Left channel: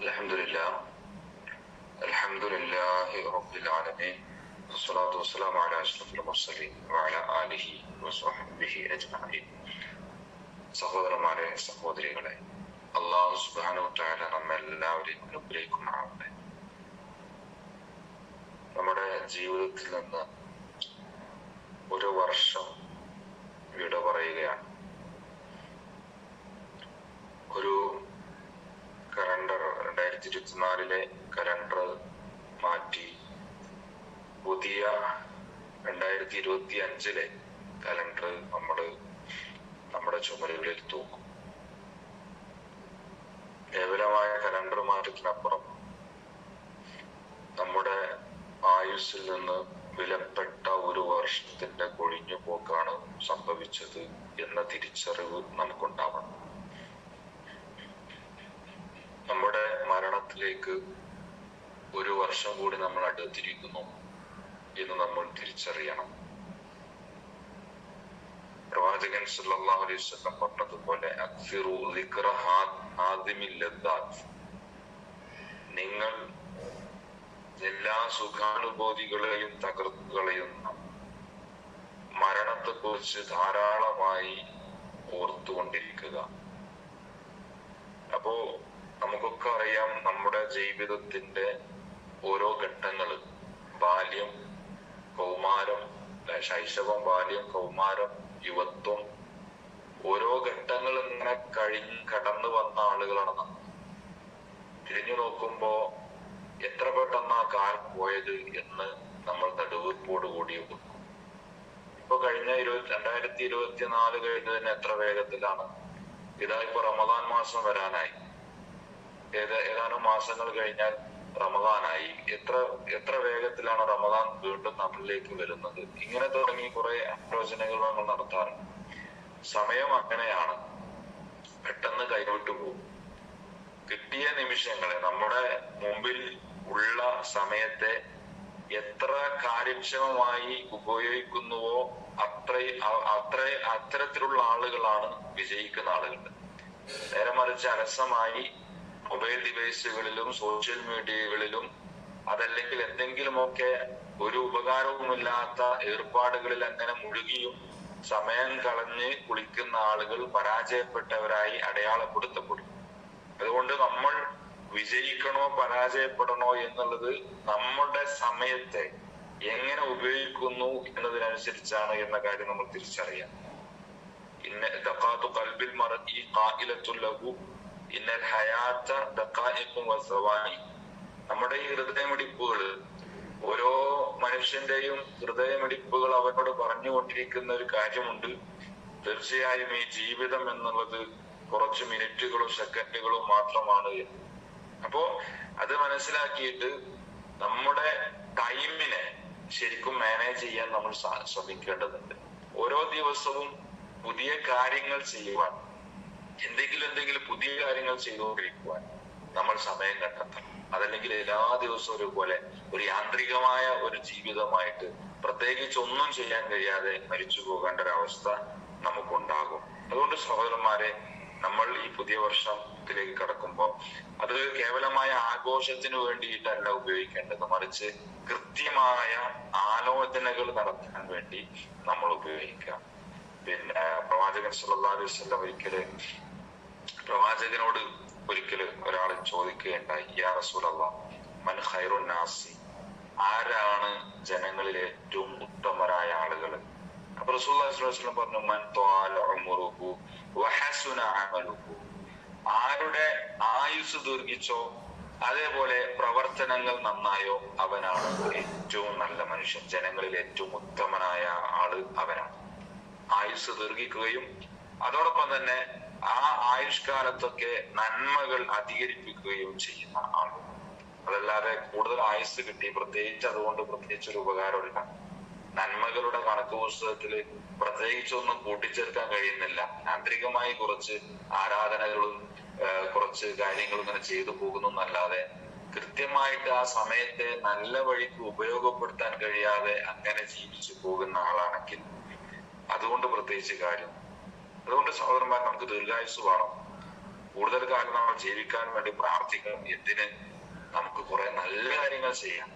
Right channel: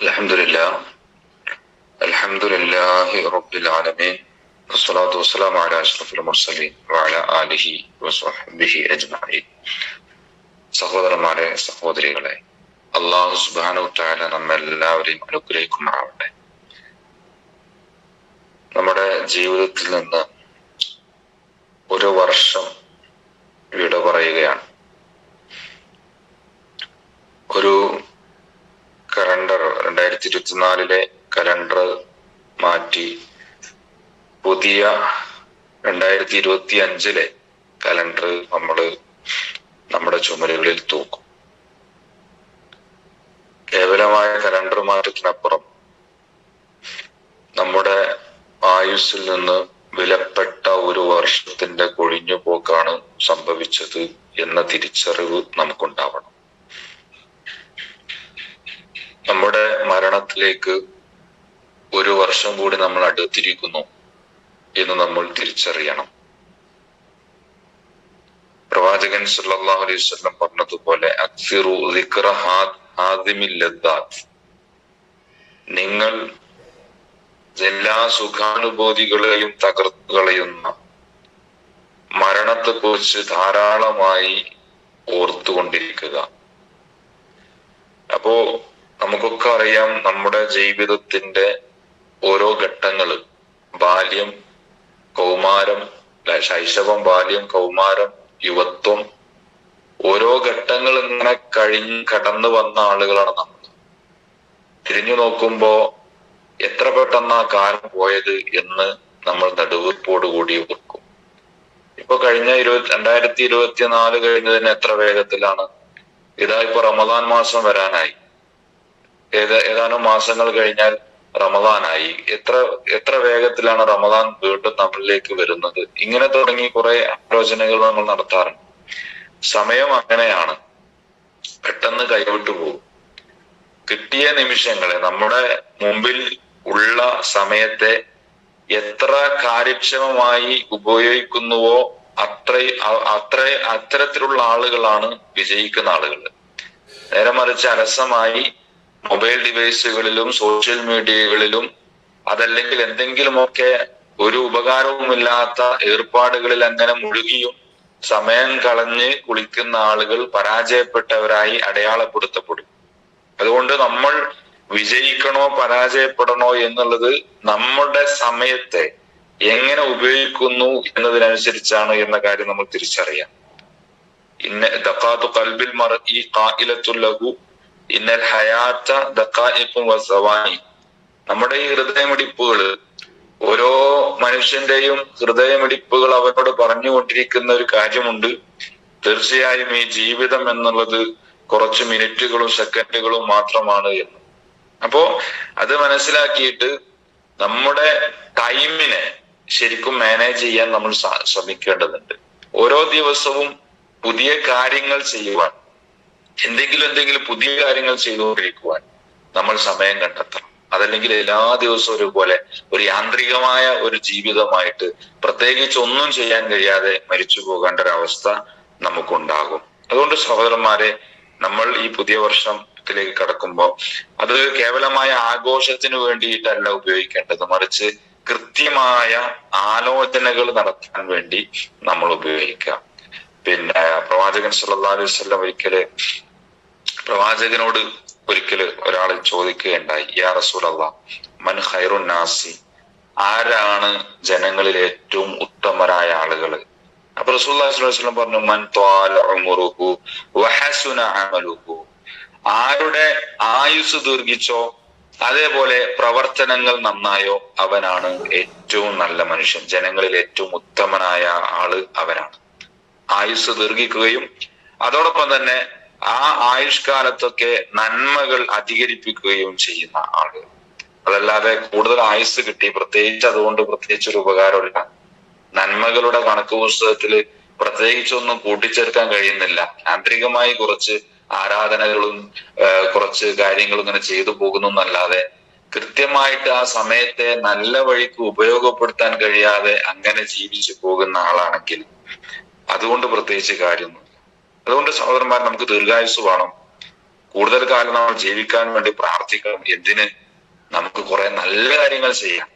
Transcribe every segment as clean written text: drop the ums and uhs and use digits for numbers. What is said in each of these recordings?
അൽഹംദുലില്ലാഹ് അൽഹംദുലില്ലാഹി റബ്ബിൽ ആലമീൻ വസ്സലാത്തു വസ്സലാമു അലാ അഷ്റഫിൽ മുർസലീൻ വഅലാ ആലിഹി വസ്വഹ്ബിഹി അജ്മഈൻ. സഹോദരന്മാരെ, സഹോദരികളെ, അല്ലാഹു സുബ്ഹാനഹു വ തആല നമ്മെല്ലാവരെയും അനുഗ്രഹിക്കുമാറാവട്ടെ. നമ്മുടെ ജീവിതത്തിൽ നിന്ന് ഒരു വർഷം വിട പറയുകയാണ്. ഒരു കലണ്ടർ 2024 കലണ്ടർ മാറ്റി പുതിയ 2025 കലണ്ടർ നമ്മുടെ ചുമലുകളിൽ തൂക്കും. കേവലമായ കലണ്ടർ മാറ്റത്തിനപ്പുറം നമ്മുടെ ആയുസ്സിൽ നിന്ന് വിലപ്പെട്ട ഒരു വർഷത്തിന്റെ കൊഴിഞ്ഞുപോക്കാണ് സംഭവിച്ചത് എന്ന തിരിച്ചറിവ് നമുക്കുണ്ടാവണം. നമ്മുടെ മരണത്തിലേക്ക് ഒരു വർഷം കൂടി നമ്മൾ അടുത്തിരിക്കുന്നു എന്ന് നമ്മൾ തിരിച്ചറിയണം. പ്രവാചകൻ സല്ലല്ലാഹു അലൈഹി വസല്ലം പറഞ്ഞതുപോലെ അക്സിറു ദിക്റ ഹാദിമിൽ ലദ്ദാത്ത്, നിങ്ങൾ എല്ലാ സുഖാനുഭൂതികളെയും തകർത്തു കളയുന്ന മരണത്തെക്കുറിച്ച് ധാരാളമായി ഓർത്തുകൊണ്ടിരിക്കുക. അപ്പോ നമുക്കൊക്കെ അറിയാം, നമ്മുടെ ജീവിതത്തിന്റെ ഓരോ ഘട്ടങ്ങള്, ബാല്യം, കൗമാരം, ശൈശവം, ബാല്യം, കൗമാരം, യുവത്വം, ഓരോ ഘട്ടങ്ങൾ ഇങ്ങനെ കടന്നു വന്ന ആളുകളാണ് നമ്മൾ. തിരിഞ്ഞു നോക്കുമ്പോ എത്ര പെട്ടെന്ന് ആ കാലം പോയത് എന്ന് നമ്മൾ നെടുവീർപ്പോടുകൂടി ഓർക്കും. ഇപ്പൊ കഴിഞ്ഞ 2024 കഴിഞ്ഞതിന് എത്ര വേഗത്തിലാണ്. ഇതാ ഇപ്പൊ റമദാൻ മാസം വരാനായി. ഏതാനും മാസങ്ങൾ കഴിഞ്ഞാൽ റമദാനായി. എത്ര വേഗത്തിലാണ് റമദാൻ വീണ്ടും നമ്മളിലേക്ക് വരുന്നത്. ഇങ്ങനെ തുടങ്ങി കുറെ ആലോചനകൾ നമ്മൾ നടത്താറുണ്ട്. സമയം അങ്ങനെയാണ്, പെട്ടെന്ന് കൈവിട്ടു പോകും. കിട്ടിയ നിമിഷങ്ങളെ, നമ്മുടെ മുമ്പിൽ ഉള്ള സമയത്തെ എത്ര കാര്യക്ഷമമായി ഉപയോഗിക്കുന്നുവോ അത്തരത്തിലുള്ള ആളുകളാണ് വിജയിക്കുന്ന ആളുകൾ. നേരെ മറിച്ച് അലസമായി മൊബൈൽ ഡിവൈസുകളിലും സോഷ്യൽ മീഡിയകളിലും അതല്ലെങ്കിൽ എന്തെങ്കിലുമൊക്കെ ഒരു ഉപകാരവുമില്ലാത്ത ഏർപ്പാടുകളിൽ അങ്ങനെ മുഴുകിയും സമയം കളഞ്ഞ് കുളിക്കുന്ന ആളുകൾ പരാജയപ്പെട്ടവരായി അടയാളപ്പെടുത്തപ്പെടും. അതുകൊണ്ട് നമ്മൾ വിജയിക്കണോ പരാജയപ്പെടണോ എന്നുള്ളത് നമ്മുടെ സമയത്തെ എങ്ങനെ ഉപയോഗിക്കുന്നു എന്നതിനനുസരിച്ചാണ് എന്ന കാര്യം നമ്മൾ തിരിച്ചറിയാം. ദഖാത്തു ഖൽബിൽ മർഇ ഖായിലത്തുൽ ലഹു ഇന്നൽ ഹയാത്ത ദഖായിഖും വസവാനി. നമ്മുടെ ഈ ഹൃദയമിടിപ്പുകൾ, ഓരോ മനുഷ്യന്റെയും ഹൃദയമിടിപ്പുകൾ അവനോട് പറഞ്ഞുകൊണ്ടിരിക്കുന്ന ഒരു കാര്യമുണ്ട്. തീർച്ചയായും ഈ ജീവിതം എന്നുള്ളത് കുറച്ച് മിനിറ്റുകളും സെക്കൻഡുകളും മാത്രമാണ് എന്ന്. അപ്പോ അത് മനസ്സിലാക്കിയിട്ട് നമ്മുടെ ടൈമിനെ ശരിക്കും മാനേജ് ചെയ്യാൻ നമ്മൾ ശ്രമിക്കേണ്ടതുണ്ട്. ഓരോ ദിവസവും പുതിയ കാര്യങ്ങൾ ചെയ്യുവാൻ, എന്തെങ്കിലും പുതിയ കാര്യങ്ങൾ ചെയ്തുകൊണ്ടിരിക്കുവാൻ നമ്മൾ സമയം കണ്ടെത്തണം. അതല്ലെങ്കിൽ എല്ലാ ദിവസവും ഒരുപോലെ ഒരു യാന്ത്രികമായ ഒരു ജീവിതമായിട്ട് പ്രത്യേകിച്ച് ഒന്നും ചെയ്യാൻ കഴിയാതെ മരിച്ചു പോകേണ്ട ഒരവസ്ഥ നമുക്കുണ്ടാകും. അതുകൊണ്ട് സഹോദരന്മാരെ, നമ്മൾ ഈ പുതിയ വർഷത്തിലേക്ക് കടക്കുമ്പോൾ അത് കേവലമായ ആഘോഷത്തിന് വേണ്ടിയിട്ടല്ല ഉപയോഗിക്കേണ്ടത്, മറിച്ച് കൃത്യമായ ആലോചനകൾ നടത്താൻ വേണ്ടി നമ്മൾ ഉപയോഗിക്കാം. പിന്നെ പ്രവാചകൻ സല്ലല്ലാഹു അലൈഹി വസല്ലം പ്രവാചകനോട് ഒരിക്കൽ ഒരാൾ ചോദിക്കുകയുണ്ടായി, യാ റസൂലല്ലാഹ്, മൻ ഖൈറുൻ നാസി, ആരാണ് ജനങ്ങളിൽ ഏറ്റവും ഉത്തമരായ ആളുകൾ? അപ്പൊ റസൂലുള്ളാഹി സ്വല്ലല്ലാഹു അലൈഹി വസല്ലം പറഞ്ഞു, മൻ ത്വാല ഉമറുഹു വഹസുന അമലുഹു, ആരുടെ ആയുസ് ദീർഘിച്ചോ അതേപോലെ പ്രവർത്തനങ്ങൾ നന്നായോ അവനാണ് ഏറ്റവും നല്ല മനുഷ്യൻ. ജനങ്ങളിൽ ഏറ്റവും ഉത്തമനായ ആള് അവനാണ്. ആയുസ് ദീർഘിക്കുകയും അതോടൊപ്പം തന്നെ ആ ആയുഷ്കാലത്തൊക്കെ നന്മകൾ അധികരിപ്പിക്കുകയും ചെയ്യുന്ന ആളുകൾ. അതല്ലാതെ കൂടുതൽ ആയുസ് കിട്ടി അതുകൊണ്ട് പ്രത്യേകിച്ചൊരു ഉപകാരമില്ല. നന്മകളുടെ കണക്ക് പുസ്തകത്തില് പ്രത്യേകിച്ചൊന്നും കൂട്ടിച്ചേർക്കാൻ കഴിയുന്നില്ല. യാന്ത്രികമായി കുറച്ച് ആരാധനകളും കുറച്ച് കാര്യങ്ങളും ഇങ്ങനെ ചെയ്തു പോകുന്നു എന്നല്ലാതെ കൃത്യമായിട്ട് ആ സമയത്തെ നല്ല വഴിക്ക് ഉപയോഗപ്പെടുത്താൻ കഴിയാതെ അങ്ങനെ ജീവിച്ചു പോകുന്ന ആളാണെങ്കിൽ അതുകൊണ്ട് പ്രത്യേകിച്ച് കാര്യം. അതുകൊണ്ട് സഹോദരന്മാർ, നമുക്ക് ദീർഘായുസ് വേണം. കൂടുതൽ കാലം നമ്മൾ ജീവിക്കാൻ വേണ്ടി പ്രാർത്ഥിക്കണം. എന്തിന്? നമുക്ക് കുറെ നല്ല കാര്യങ്ങൾ ചെയ്യാം.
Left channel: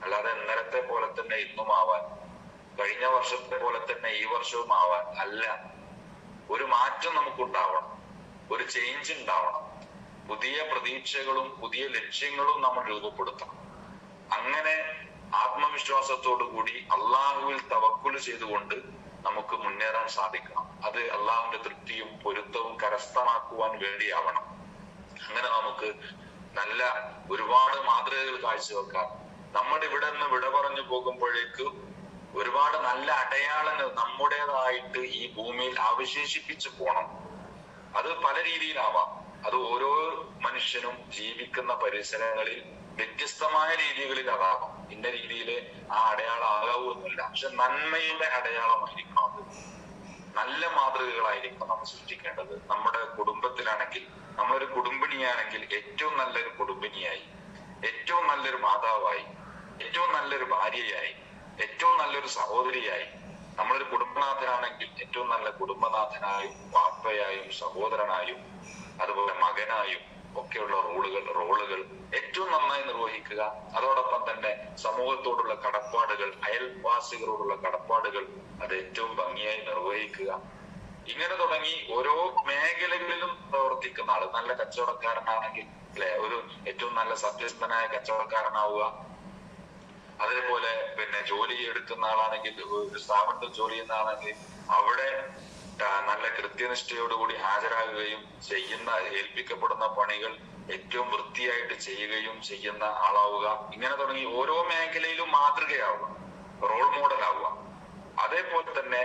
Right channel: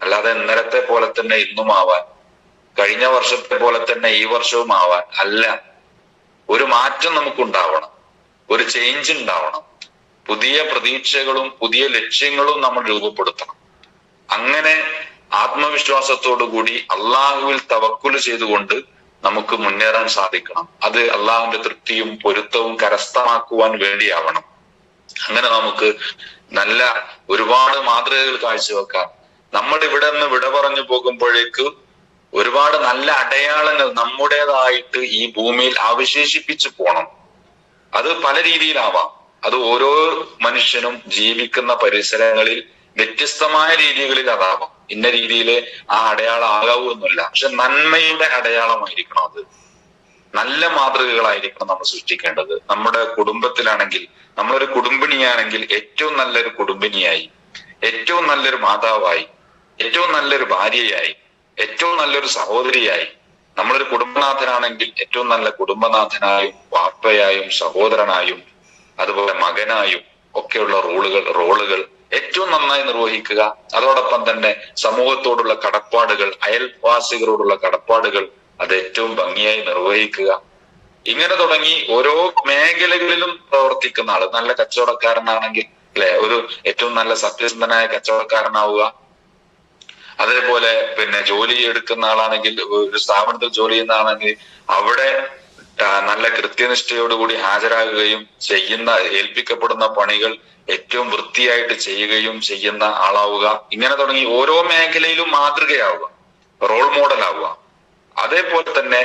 അല്ലാതെ ഇന്നലത്തെ പോലെ തന്നെ ഇന്നും ആവാൻ, കഴിഞ്ഞ വർഷത്തെ പോലെ തന്നെ ഈ വർഷവും ആവാൻ അല്ല. ഒരു മാറ്റം നമുക്കുണ്ടാവണം, ഒരു ചേഞ്ച് ഉണ്ടാവണം. പുതിയ പ്രതീക്ഷകളും പുതിയ ലക്ഷ്യങ്ങളും നമ്മൾ രൂപപ്പെടുത്തണം. അങ്ങനെ ആത്മവിശ്വാസത്തോടു കൂടി അള്ളാഹുവിൽ തവക്കുൽ ചെയ്തുകൊണ്ട് നമുക്ക് മുന്നേറാൻ സാധിക്കണം. അത് അള്ളാഹുവിന്റെ തൃപ്തിയും പൊരുത്തവും കരസ്ഥമാക്കുവാൻ വേണ്ടിയാവണം. അങ്ങനെ നമുക്ക് നല്ല ഒരുപാട് മാതൃകകൾ കാഴ്ചവെക്കാം. നമ്മൾ ഇവിടെ നിന്ന് വിട പറഞ്ഞു പോകുമ്പോഴേക്ക് ഒരുപാട് നല്ല അടയാളങ്ങൾ നമ്മുടേതായിട്ട് ഈ ഭൂമിയിൽ അവശേഷിപ്പിച്ചു പോണം. അത് പല രീതിയിലാവാം. അത് ഓരോ മനുഷ്യനും ജീവിക്കുന്ന പരിസരങ്ങളിൽ വ്യത്യസ്തമായ രീതികളിൽ അതാവാം. ഇന്ന രീതിയിൽ ആ അടയാളം ആകാവൂ എന്നില്ല. പക്ഷെ നന്മയുടെ അടയാളമായിരിക്കണം അത്. നല്ല മാതൃകകളായിരിക്കണം നമ്മൾ സൃഷ്ടിക്കേണ്ടത്. നമ്മുടെ കുടുംബത്തിലാണെങ്കിൽ, നമ്മളൊരു കുടുംബിനിയാണെങ്കിൽ ഏറ്റവും നല്ലൊരു കുടുംബിനിയായി, ഏറ്റവും നല്ലൊരു മാതാവായി, ഏറ്റവും നല്ലൊരു ഭാര്യയായി, ഏറ്റവും നല്ലൊരു സഹോദരിയായി, നമ്മളൊരു കുടുംബനാഥനാണെങ്കിൽ ഏറ്റവും നല്ല കുടുംബനാഥനായും വാപ്പയായും സഹോദരനായും അതുപോലെ മകനായും ഒക്കെയുള്ള റോളുകൾ ഏറ്റവും നന്നായി നിർവഹിക്കുക. അതോടൊപ്പം തന്നെ സമൂഹത്തോടുള്ള കടപ്പാടുകൾ, അയൽവാസികളോടുള്ള കടപ്പാടുകൾ അത് ഏറ്റവും ഭംഗിയായി നിർവഹിക്കുക. ഇങ്ങനെ തുടങ്ങി ഓരോ മേഖലകളിലും പ്രവർത്തിക്കുന്ന ആള്, നല്ല കച്ചവടക്കാരനാണെങ്കിൽ അല്ലെ, ഒരു ഏറ്റവും നല്ല സത്യസന്ധനായ കച്ചവടക്കാരനാവുക. അതേപോലെ പിന്നെ ജോലി എടുക്കുന്ന ആളാണെങ്കിൽ, ഒരു സ്ഥാപനത്തിൽ ജോലി ചെയ്യുന്ന ആളാണെങ്കിൽ അവിടെ നല്ല കൃത്യനിഷ്ഠയോടുകൂടി ഹാജരാകുകയും ഏൽപ്പിക്കപ്പെടുന്ന പണികൾ ഏറ്റവും വൃത്തിയായിട്ട് ചെയ്യുകയും ചെയ്യുന്ന ആളാവുക. ഇങ്ങനെ തുടങ്ങി ഓരോ മേഖലയിലും മാതൃകയാവുക, റോൾ മോഡൽ ആവുക. അതേപോലെ തന്നെ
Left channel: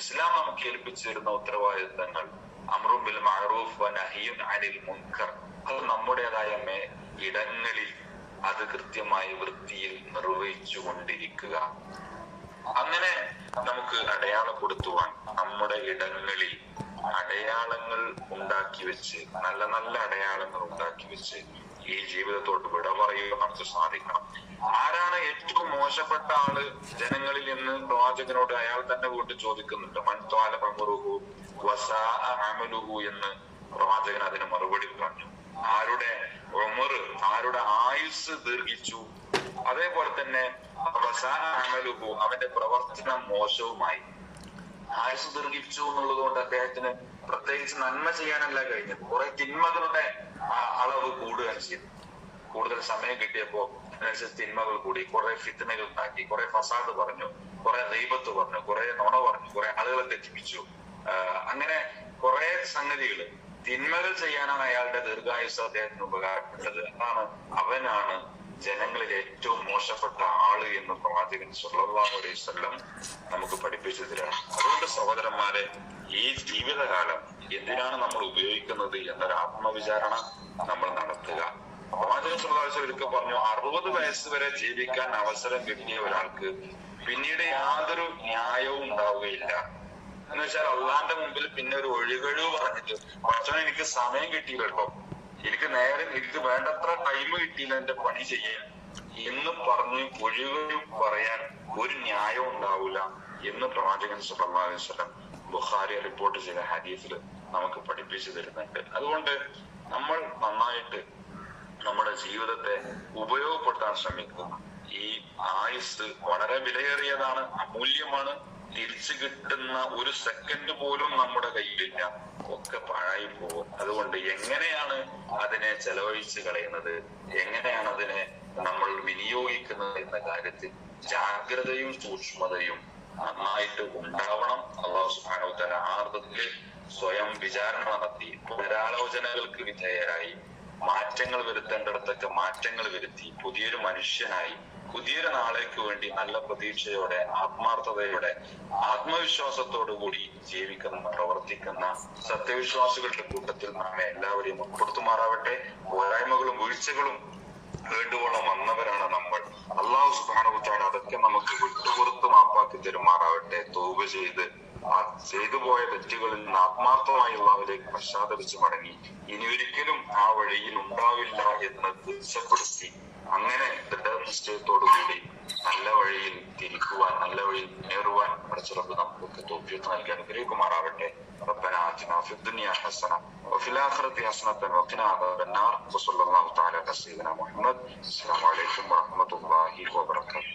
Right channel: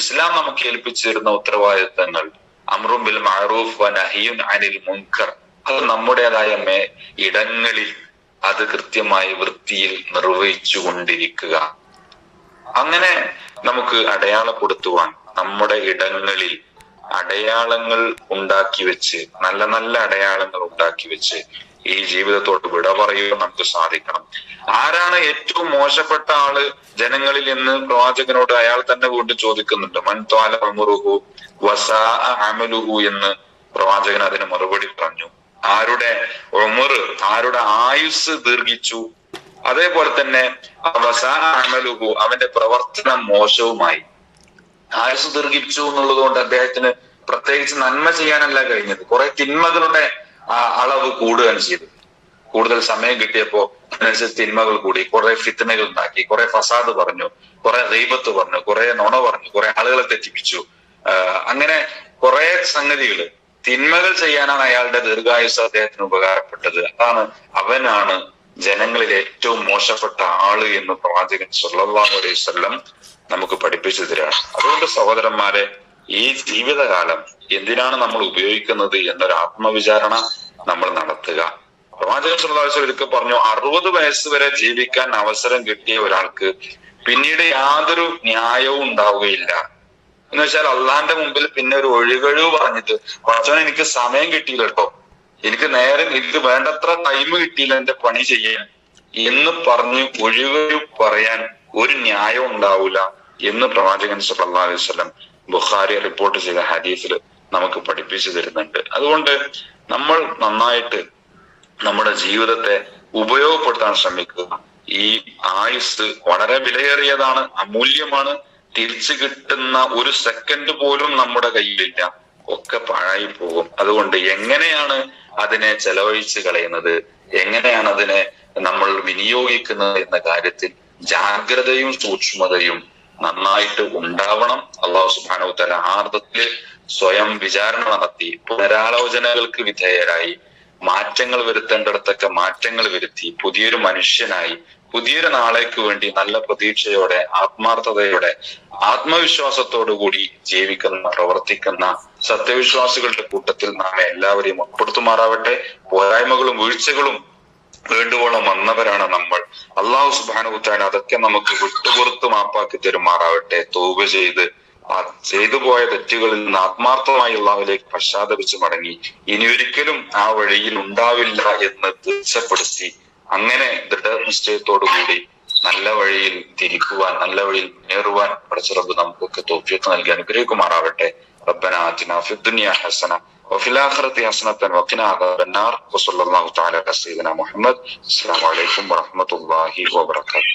ഇസ്ലാം നമുക്ക് ഏൽപ്പിച്ചിരുന്ന ഉത്തരവാദിത്തങ്ങൾ, അംറും ബിൽ മഅറൂഫ് വ നഹിയുൻ അനിൽ മുൻകർ, അത് നമ്മുടേതായ ഇടങ്ങളിൽ അത് കൃത്യമായി വൃത്തിയിൽ നിർവഹിച്ചു കൊണ്ടിരിക്കുക. അങ്ങനെ നമുക്ക് അടയാളപ്പെടുത്തുവാൻ നമ്മുടെ ഇടങ്ങളിൽ അടയാളങ്ങൾ ഉണ്ടാക്കി വെച്ച്, നല്ല നല്ല അടയാളങ്ങൾ ഉണ്ടാക്കി വെച്ച് ഈ ജീവിതത്തോട് വിട പറയുവാൻ നമുക്ക് സാധിക്കണം. ആരാണ് ഏറ്റവും മോശപ്പെട്ട ആള് ജനങ്ങളിൽ എന്ന് പ്രവാചകനോട് അയാൾ തന്നെ വീണ്ടും ചോദിക്കുന്നുണ്ട്. മൻ ത്വാല ഉംറുഹു വസാഅ അമലുഹു എന്ന് പ്രവാചകൻ അതിന് മറുപടി പറഞ്ഞു. ആരുടെ ഉമർ, ആരുടെ ആയുസ് ദീർഘിച്ചു, അതേപോലെ തന്നെ വസാഅ അമലുഹു, അവന്റെ പ്രവർത്തനം മോശവുമായി. ആയുസ് ദീർഘിച്ചു എന്നുള്ളത് കൊണ്ട് അദ്ദേഹത്തിന് പ്രത്യേകിച്ച് നന്മ ചെയ്യാനല്ല കഴിഞ്ഞത്, കുറെ തിന്മകളുടെ അളവ് കൂടുകയാണ് ചെയ്തത്. കൂടുതൽ സമയം കിട്ടിയപ്പോ അതിനനുസരിച്ച് തിന്മകൾ കൂടി, കുറെ ഫിത്നകൾ ഉണ്ടാക്കി, കുറെ ഫസാദ് പറഞ്ഞു, കുറെ ഗീബത്ത് പറഞ്ഞു, കുറെ നുണ പറഞ്ഞു, കുറെ ആളുകളെ തെറ്റിപ്പിച്ചു. അങ്ങനെ കുറെ സംഗതികള്, തിന്മകൾ ചെയ്യാനാണ് അയാളുടെ ദീർഘായുസ് അദ്ദേഹത്തിന് ഉപകാരപ്പെട്ടത്. അവനാണ് ജനങ്ങളിൽ ഏറ്റവും മോശപ്പെട്ട ആള് എന്ന് പ്രവാചകൻ സല്ലല്ലാഹു അലൈഹി വസല്ലം നമുക്ക് പഠിപ്പിച്ചു തരാണ്. അതുകൊണ്ട് സഹോദരന്മാരെ, ഈ ജീവിതകാലം എന്തിനാണ് നമ്മൾ ഉപയോഗിക്കുന്നത് എന്നൊരു ആത്മവിചാരണ നമ്മൾ നടത്തുക. പ്രവാചകൻ സല്ലല്ലാഹു അലൈഹി വസല്ലം ഒരിക്കൽ പറഞ്ഞു, 60 വയസ്സ് വരെ ജീവിക്കാൻ അവസരം കിട്ടിയ ഒരാൾക്ക് പിന്നീട് യാതൊരു ന്യായവും ഉണ്ടാവുകയില്ല. എന്ന് വെച്ചാൽ അള്ളാന്റെ മുമ്പിൽ പിന്നെ ഒരു ഒഴികഴിവ് പറഞ്ഞിട്ട്, പടച്ചോനെ എനിക്ക് സമയം കിട്ടിയില്ല കേട്ടോ, എനിക്ക് നേരം, എനിക്ക് വേണ്ടത്ര ടൈം കിട്ടിയില്ല എന്റെ പണി ചെയ്യാൻ എന്ന് പറഞ്ഞ് ഒഴികഴിവ് പറയാൻ ഒരു ന്യായം ഉണ്ടാവൂല എന്ന് പ്രവാചകൻ സല്ലല്ലാഹു അലൈഹി വസല്ലം ബുഖാരി റിപ്പോർട്ട് ചെയ്ത ഹദീസിൽ നമുക്ക് പഠിപ്പിച്ചു തരുന്നുണ്ട്. അതുകൊണ്ട് നമ്മൾ നന്നായിട്ട് നമ്മുടെ ജീവിതത്തെ ഉപയോഗപ്പെടുത്താൻ ശ്രമിക്കുക. ഈ ആയുസ് വളരെ വിലയേറിയതാണ്, അമൂല്യമാണ്. തിരിച്ചു കിട്ടുന്ന ഒരു സെക്കൻഡ് പോലും നമ്മുടെ കയ്യിലില്ല, ഒക്കെ പാഴായി പോകും. അതുകൊണ്ട് എങ്ങനെയാണ് അതിനെ ചെലവഴിച്ച് കളയുന്നത്, എങ്ങനെയാണ് അതിനെ നമ്മൾ വിനിയോഗിക്കുന്നത് എന്ന കാര്യത്തിൽ ജാഗ്രതയും സൂക്ഷ്മതയും നന്നായിട്ട് ഉണ്ടാവണം. അല്ലാഹു സുബ്ഹാനഹു വ തആല ആർദ്രത്തില് സ്വയം വിചാരണ നടത്തി പുനരാലോചനകൾക്ക് വിധേയരായി മാറ്റങ്ങൾ വരുത്തേണ്ടിടത്തൊക്കെ മാറ്റങ്ങൾ വരുത്തി പുതിയൊരു മനുഷ്യനായി പുതിയൊരു നാളേക്ക് വേണ്ടി നല്ല പ്രതീക്ഷയോടെ, ആത്മാർത്ഥതയോടെ, ആത്മവിശ്വാസത്തോടുകൂടി ജീവിക്കുന്ന, പ്രവർത്തിക്കുന്ന സത്യവിശ്വാസികളുടെ കൂട്ടത്തിൽ നാം എല്ലാവരെയും ഉൾപ്പെടുത്തുമാറാവട്ടെ. പോരായ്മകളും വീഴ്ചകളും വേണ്ടുവോളം വന്നവരാണ് നമ്മൾ. അല്ലാഹു സുബ്ഹാനഹു വ തആല അതൊക്കെ നമുക്ക് വിട്ടുപുറത്ത് മാപ്പാക്കി തരുമാറാവട്ടെ. തൗബ ചെയ്തു പോയ തെറ്റുകളിൽ നിന്ന് ആത്മാർത്ഥമായി അല്ലാഹുവിലേക്ക് പശ്ചാത്തപിച്ച് മടങ്ങി ഇനി ഒരിക്കലും ആ വഴിയിൽ ഉണ്ടാവില്ല എന്ന് തീർച്ചപ്പെടുത്തി അങ്ങനെ ദൃഢനിശ്ചയത്തോടു കൂടി നല്ല വഴിയിൽ തിരിക്കുവാൻ, നല്ല വഴിയിൽ മുന്നേറുവാൻ പടച്ച റബ്ബ് നമുക്കൊക്കെ തൗഫീഖ് നൽകി അനുഗ്രഹിക്കുമാറാവട്ടെ. ربنا آتنا في الدنيا حسنة وفي الآخرة حسنة وقنا عذاب النار وصلى الله تعالى على سيدنا محمد. السلام عليكم ورحمة الله وبركاته.